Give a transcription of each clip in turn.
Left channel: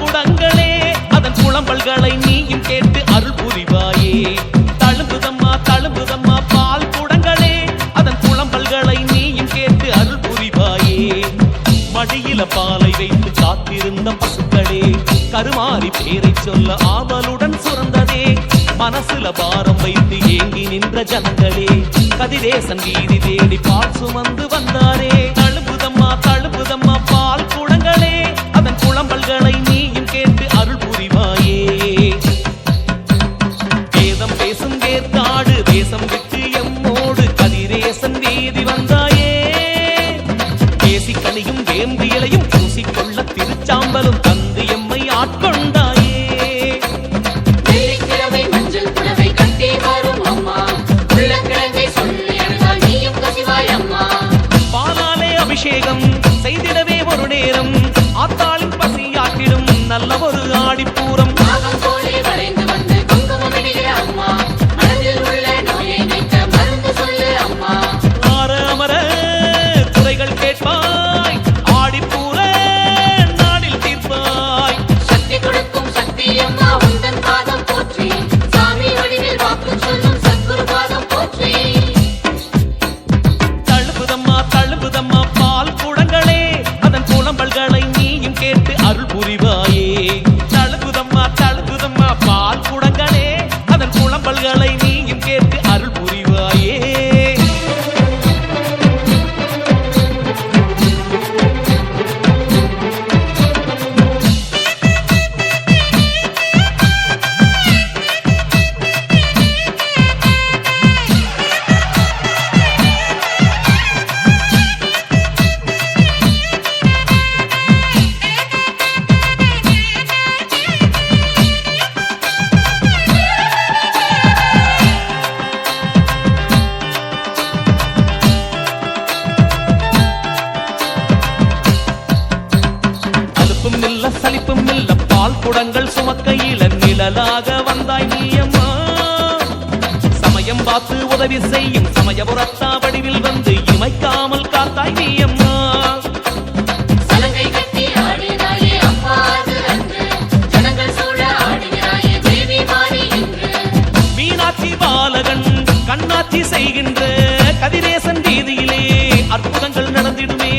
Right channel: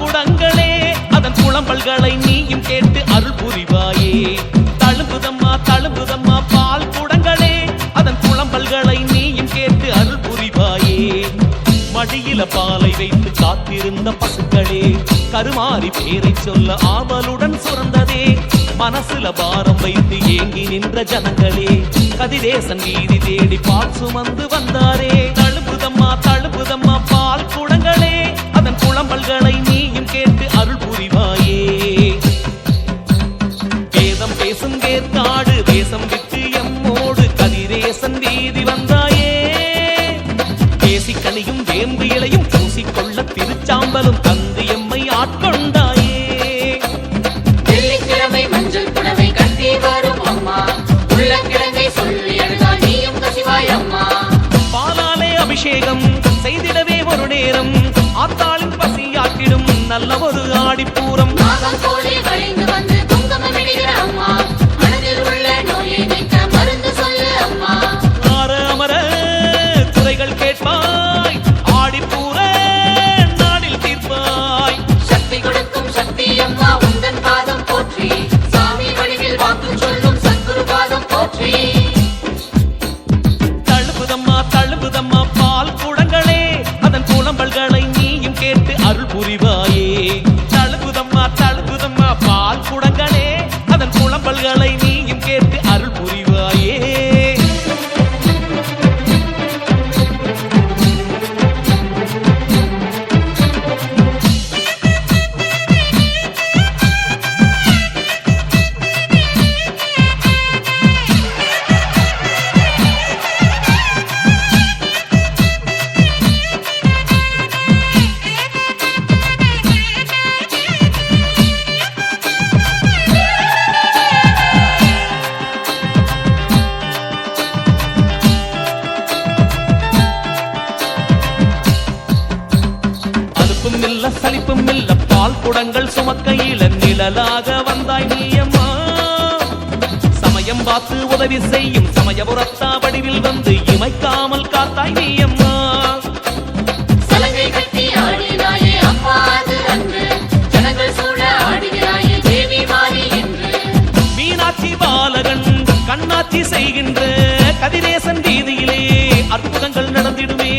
குடங்களே அதன் புலம்பல்களை நீயும் கேட்டு அருள் புரிவாயே. தழும்புதம்மா தழும்புதம்மா பால் குடங்களே அதன் புலம்பல்களை நீயும் கேட்டு அருள் புரிவாயே. மடியில பாலை வைத்து காத்திருந்த பசுக்களே கருமாறி பேரை சொல்ல ஆவலுடன் சுரந்ததே. மனசுல பாரம் வைத்து ஏங்கி நின்ற ஜனங்களே கதிரேசன் வீதி தேடி பால் சுமந்து வந்தாரே. தழும்புதம்மா தழும்புதம்மா பால் குடங்களே அதன் புலம்பல்களை நீயும் கேட்டு அருள் புரிவாயே. வேதம் பேசும் வேர்க்காடு தேசம் விட்டு எம்மோடு கதிரேசன் வீதி வந்தாயே. பேசிக்கனியும் வேம்பு இலையும் பூசிக்கொள்ள திருச்சாம்பலும் தந்து எம்மை ஆட்கொண்டாயே. பாலாலே அபிஷேகம் செய்திடவே ஒரு நேரம் ஆத்தாளின் பசியாட்டிடும் நல்ல ஒரு ஆடிப்பூரம். ஆற அமர குறைகள் கேட்பாய் ஆடிப்பூர நாடில் தீர்ப்பாய். தழும்புதம்மா தழும்புதம்மா பால் குடங்களே அதன் புலம்பல்களை நீயும் கேட்டு அருள் புரிவாயே. தழும்புதம்மா தழும்புதம்மா பால் குடங்களே அதன் புலம்பல்களை நீயும் கேட்டு அருள் புரிவாயே. சலிப்பும் இல்ல பால் குடங்கள் சுமக்கையில நிழலாக வந்தாய் நீயம்மா. சமயம் பார்த்து உதவி செய்யும் சமயபுரத்தா வடிவில் வந்து இமைக்காமல் காத்தாய் நீயம்மா. மீனாட்சி பாலகன் கண்ணாட்சி செய்கின்ற கதிரேசன் வீதியிலே அற்புதங்கள் நடந்திடுமே.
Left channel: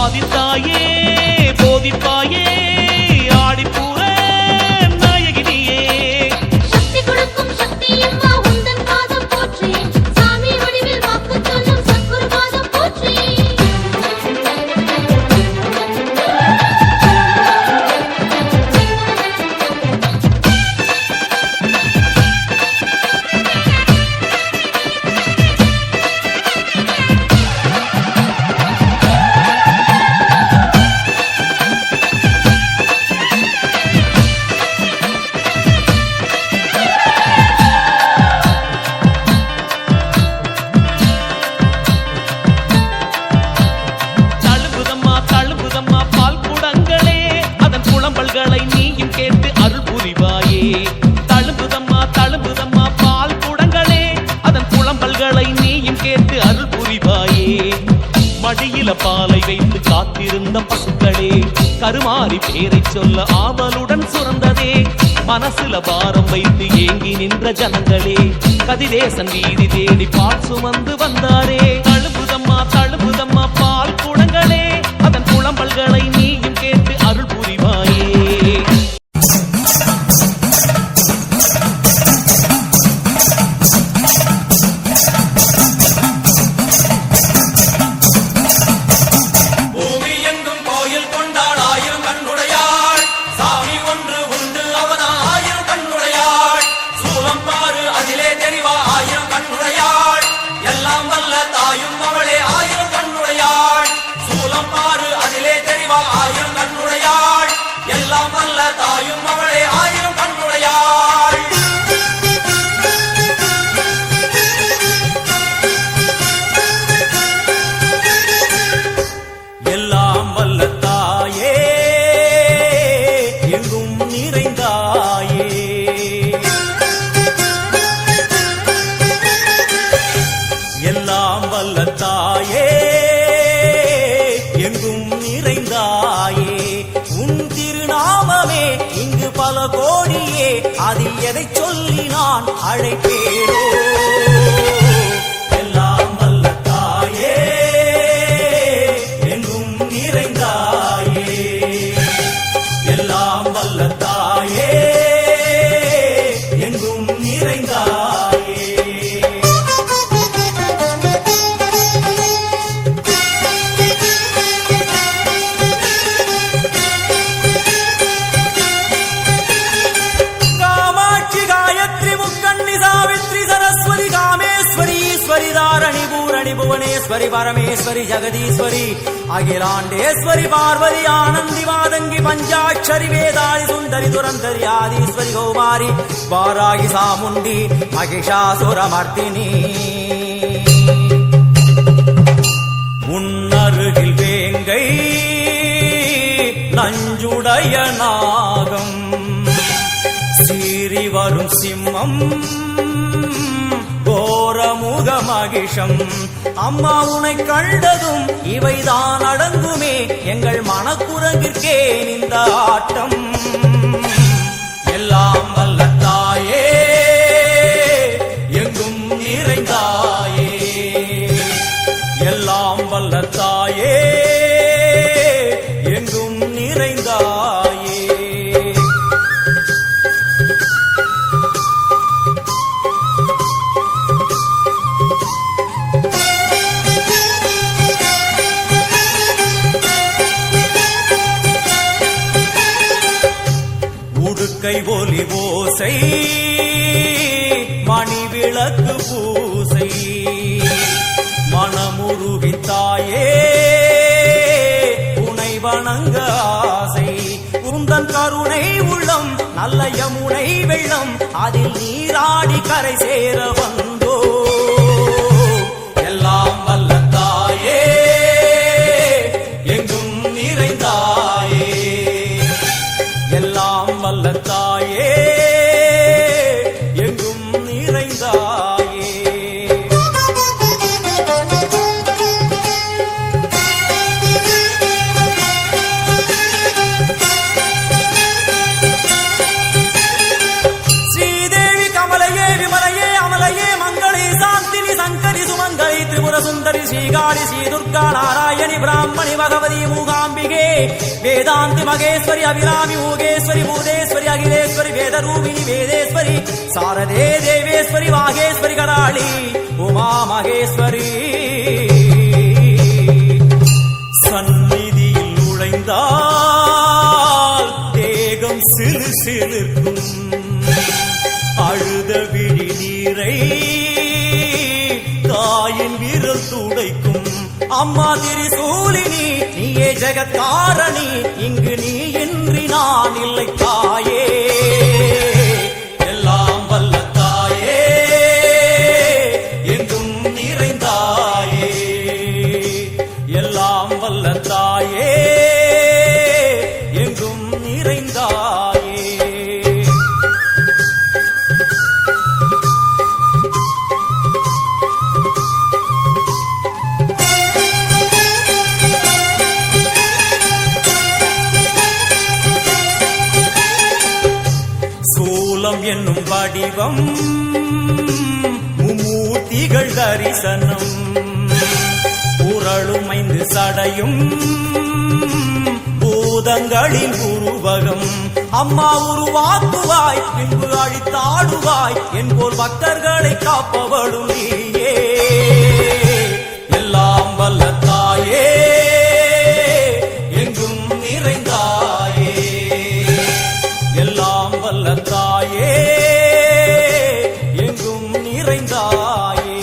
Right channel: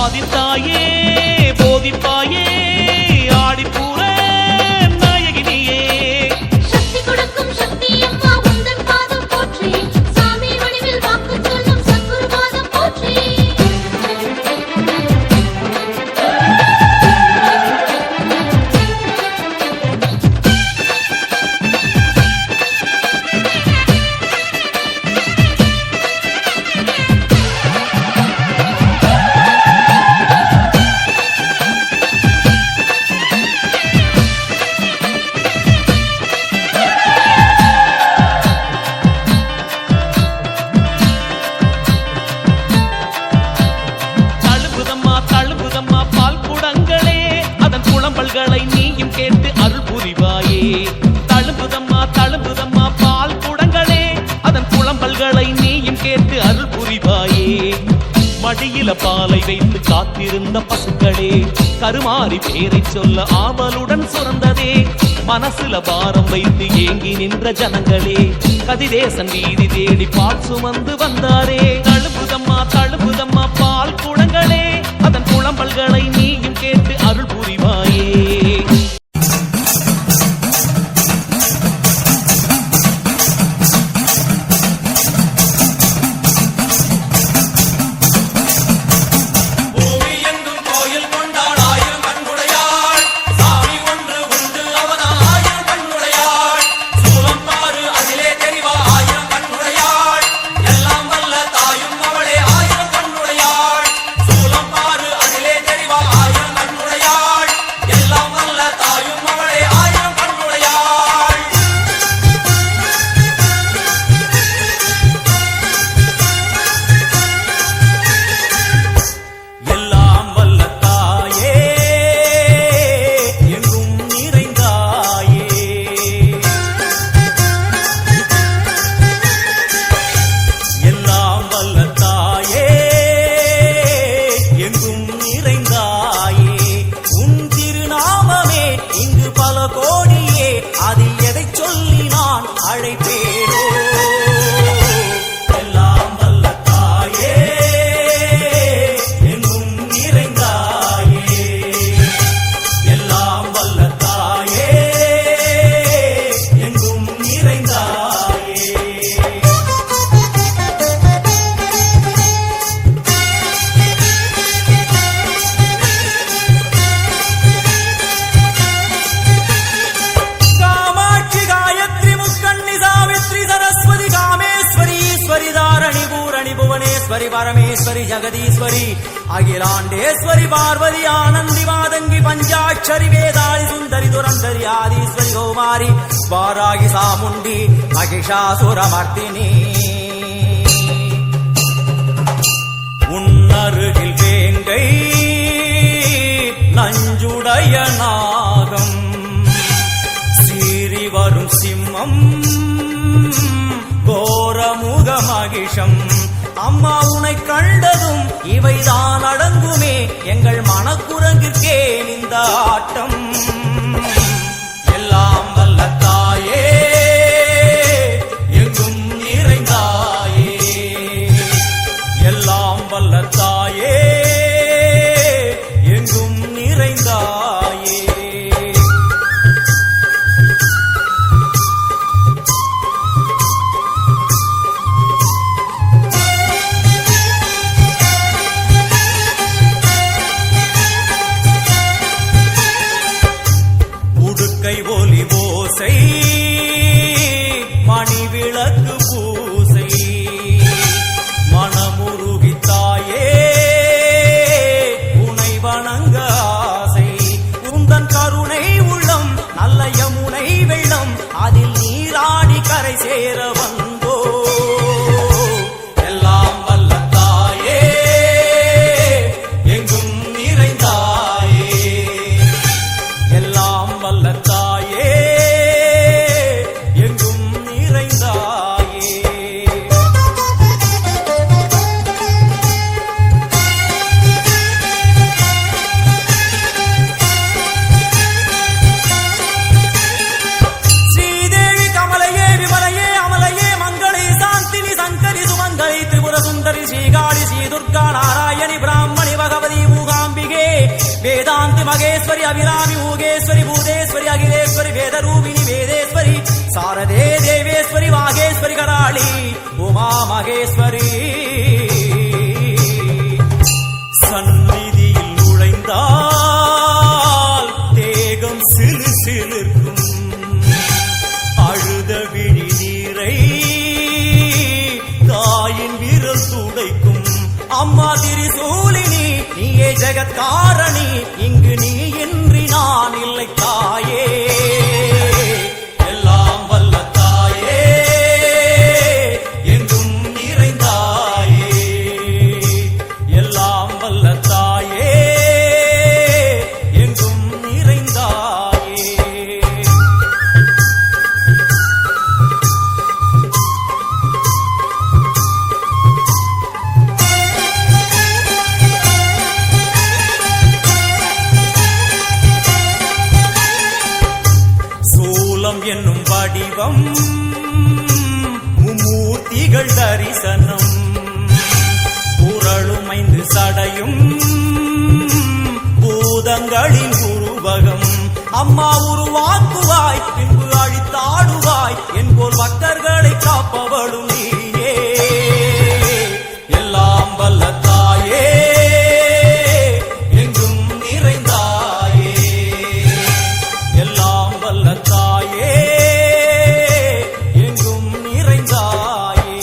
ஆதித்தாயே போதிப்பாயே ஆடிப்பூர நாயகினியே. புலம்பல்களை நீயும் கேட்டு அருள் புரிவாயே. தழும்புதம்மா தழும்புதம்மா பால் குடங்களே அதன் புலம்பல்களை நீயும் கேட்டு அருள் புரிவாயே. மடியில பாலை வைத்து காத்திருந்த பசுக்களே கருமாறி பேரை சொல்ல ஆவலுடன் சுரந்ததே. மனசுல பாரம் வைத்து ஏங்கி நின்ற ஜனங்களே கதிரேசன் வீதி தேடி பால் சுமந்து வந்தாரே. தழும்புதம்மா தழும்புதம்மா பால் குடங்களே அதன் புலம்பல்களை நீயும் கேட்டு அருள் புரிவாயே. அதிலே தெரிவா ஆயிரம் கண்ணுடையாள் எல்லாம் வல்ல தாயும் பல கோடியே அதில் எதை சொல்லி நான் அழைப்பேனோ எல்லாம் வல்ல தாயே எங்கும் நிறைந்தாயே எல்லாம் வல்ல தாயே எங்கும் நிறைந்தாயே தாரணி பூரணி புவனேஸ்வரி பரமேஸ்வரி ஜெகதீஸ்வரி அகிலாண்டேஸ்வரி பார்வதி ஆனந்தி மாதங்கி பஞ்சாட்சரி வேதாளி சுந்தரி துரந்தரி ஆதீஸ்வரி கௌமாரி வாராகி சாமுண்டி மகிஷாசுரமர்த்தினி உன்னருகில் வேங்கை நஞ்சுடைய நாகம் சீறி வரும் சிம்மம் கோரமுக மகிஷம் அம்மா உனை கண்டதும் இவைதான் அடங்குமே எங்கள் மனக்குரங்கிற்கே இந்த ஆட்டம் எல்லாம் வல்ல தாயே எங்கும் நிறைந்தாயே எல்லாம் வல்ல தாயே எங்கும் நிறைந்தாயே கை ஒலி ஓசை மணி விளக்கு பூசை மனமுருகித்தாயே உனை வணங்க ஆசை உந்தன் கருணை உள்ளம் நல்ல யமுனை வெள்ளம் அதில் நீராடி கரை சேர வந்தோ எல்லாம் வல்ல தாயே எங்கும் நிறைந்தாயே எல்லாம் வல்ல தாயே எங்கும் நிறைந்தாயே ஸ்ரீதேவி கமலையே விமலையே அமலையே மங்களே சாந்தினி சங்கரி சுமங்கலி திரிபுர சுந்தரி ஸ்ரீகாளி ஸ்ரீ துர்கா நாராயணி பிராமணி பகவதி மூகாம்பிகே வேதாந்தி மகேஸ்வரி அபிராமி மூகேஸ்வரி பூதேஸ்வரி அகிலேஸ்வரி வேதரூபிணி வேதேஸ்வரி சாரதே தேவேஸ்வரி வாகேஸ்வரி கராளி உமா மகேஸ்வரி சந்நிதியில் நுழைந்தால் தேகம் சிலு சிலிர்க்கும் அழுத விழி நீரை தாயின் விரல் துடைக்கும் அம்மா திரிசூலினி நீயே ஜெகத்காரணி இங்கு நீ இன்றி நான் இல்லை தாயே எல்லாம் வல்ல தாயே எங்கும் நிறைந்தாயே எல்லாம் வல்ல தாயே எங்கும் நிறைந்தாயே என்னும் வடிவம் மும்மூர்த்திகள் தரிசனம் உரளுமைந்து சடையும் பூதங்களின் உருவகம் அம்மா உருவாக்குவாய் பின்பு அழித்தாடுவாய் என்போல் பக்தர்களை காப்பவளும் நீயே எல்லாம் வல்ல தாயே எங்கும் நிறைந்தாயே எல்லாம் வல்ல தாயே எங்கும் நிறைந்தாயே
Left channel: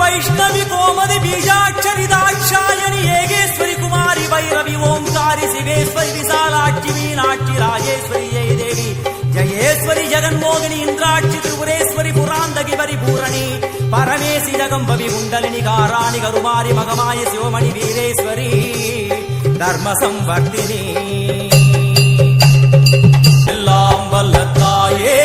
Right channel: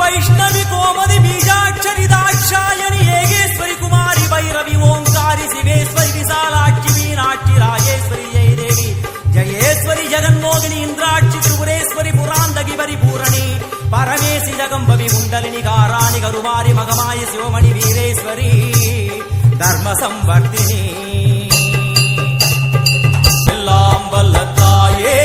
வைஷ்ணவி கோமதி பீஜாட்சரி தாட்சாயணி ஏகேஸ்வரி குமாரி பைரவி ஓங்காரி சிவேஸ்வரி விசாலாட்சி மீனாட்சி ராஜேஸ்வரி ஜெயதேவி ஜயேஸ்வரி ஜெகன்மோகினி இந்திராட்சி திரிபுரேஸ்வரி புராந்தகி பரிபூரணி பரமேசி ஜகம்பவி குண்டலினி காராணி கருமாரி மகமாயி சிவமணி வீரேஸ்வரி தர்ம சம்வர்த்தினி எல்லாம் வல்ல தாயே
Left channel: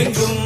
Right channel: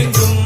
எங்கும்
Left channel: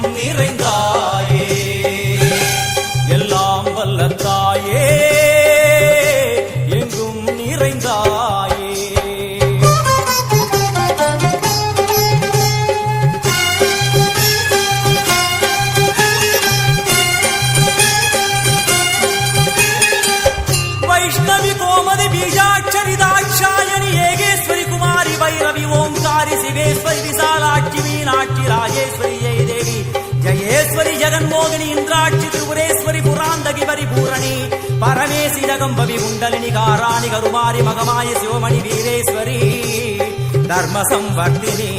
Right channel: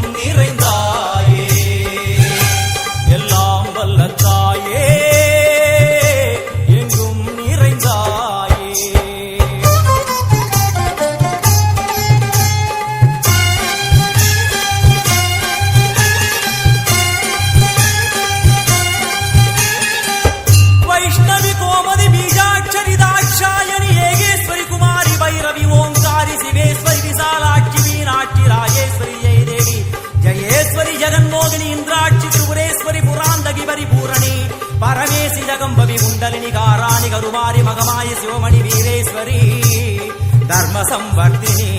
சிவேஸ்வரி விசாலாட்சி மீனாட்சி ராஜேஸ்வரி ஜெய தேவி ஜயேஸ்வரி ஜெகன்மோகினி இந்திராட்சி திரிபுரேஸ்வரி புராந்தகி பரிபூரணி பரமேசி ஜகம்பவி குண்டலினி காராணி கருமாரி மகமாயி சிவமணி வீரேஸ்வரி தர்ம சம்வர்தினி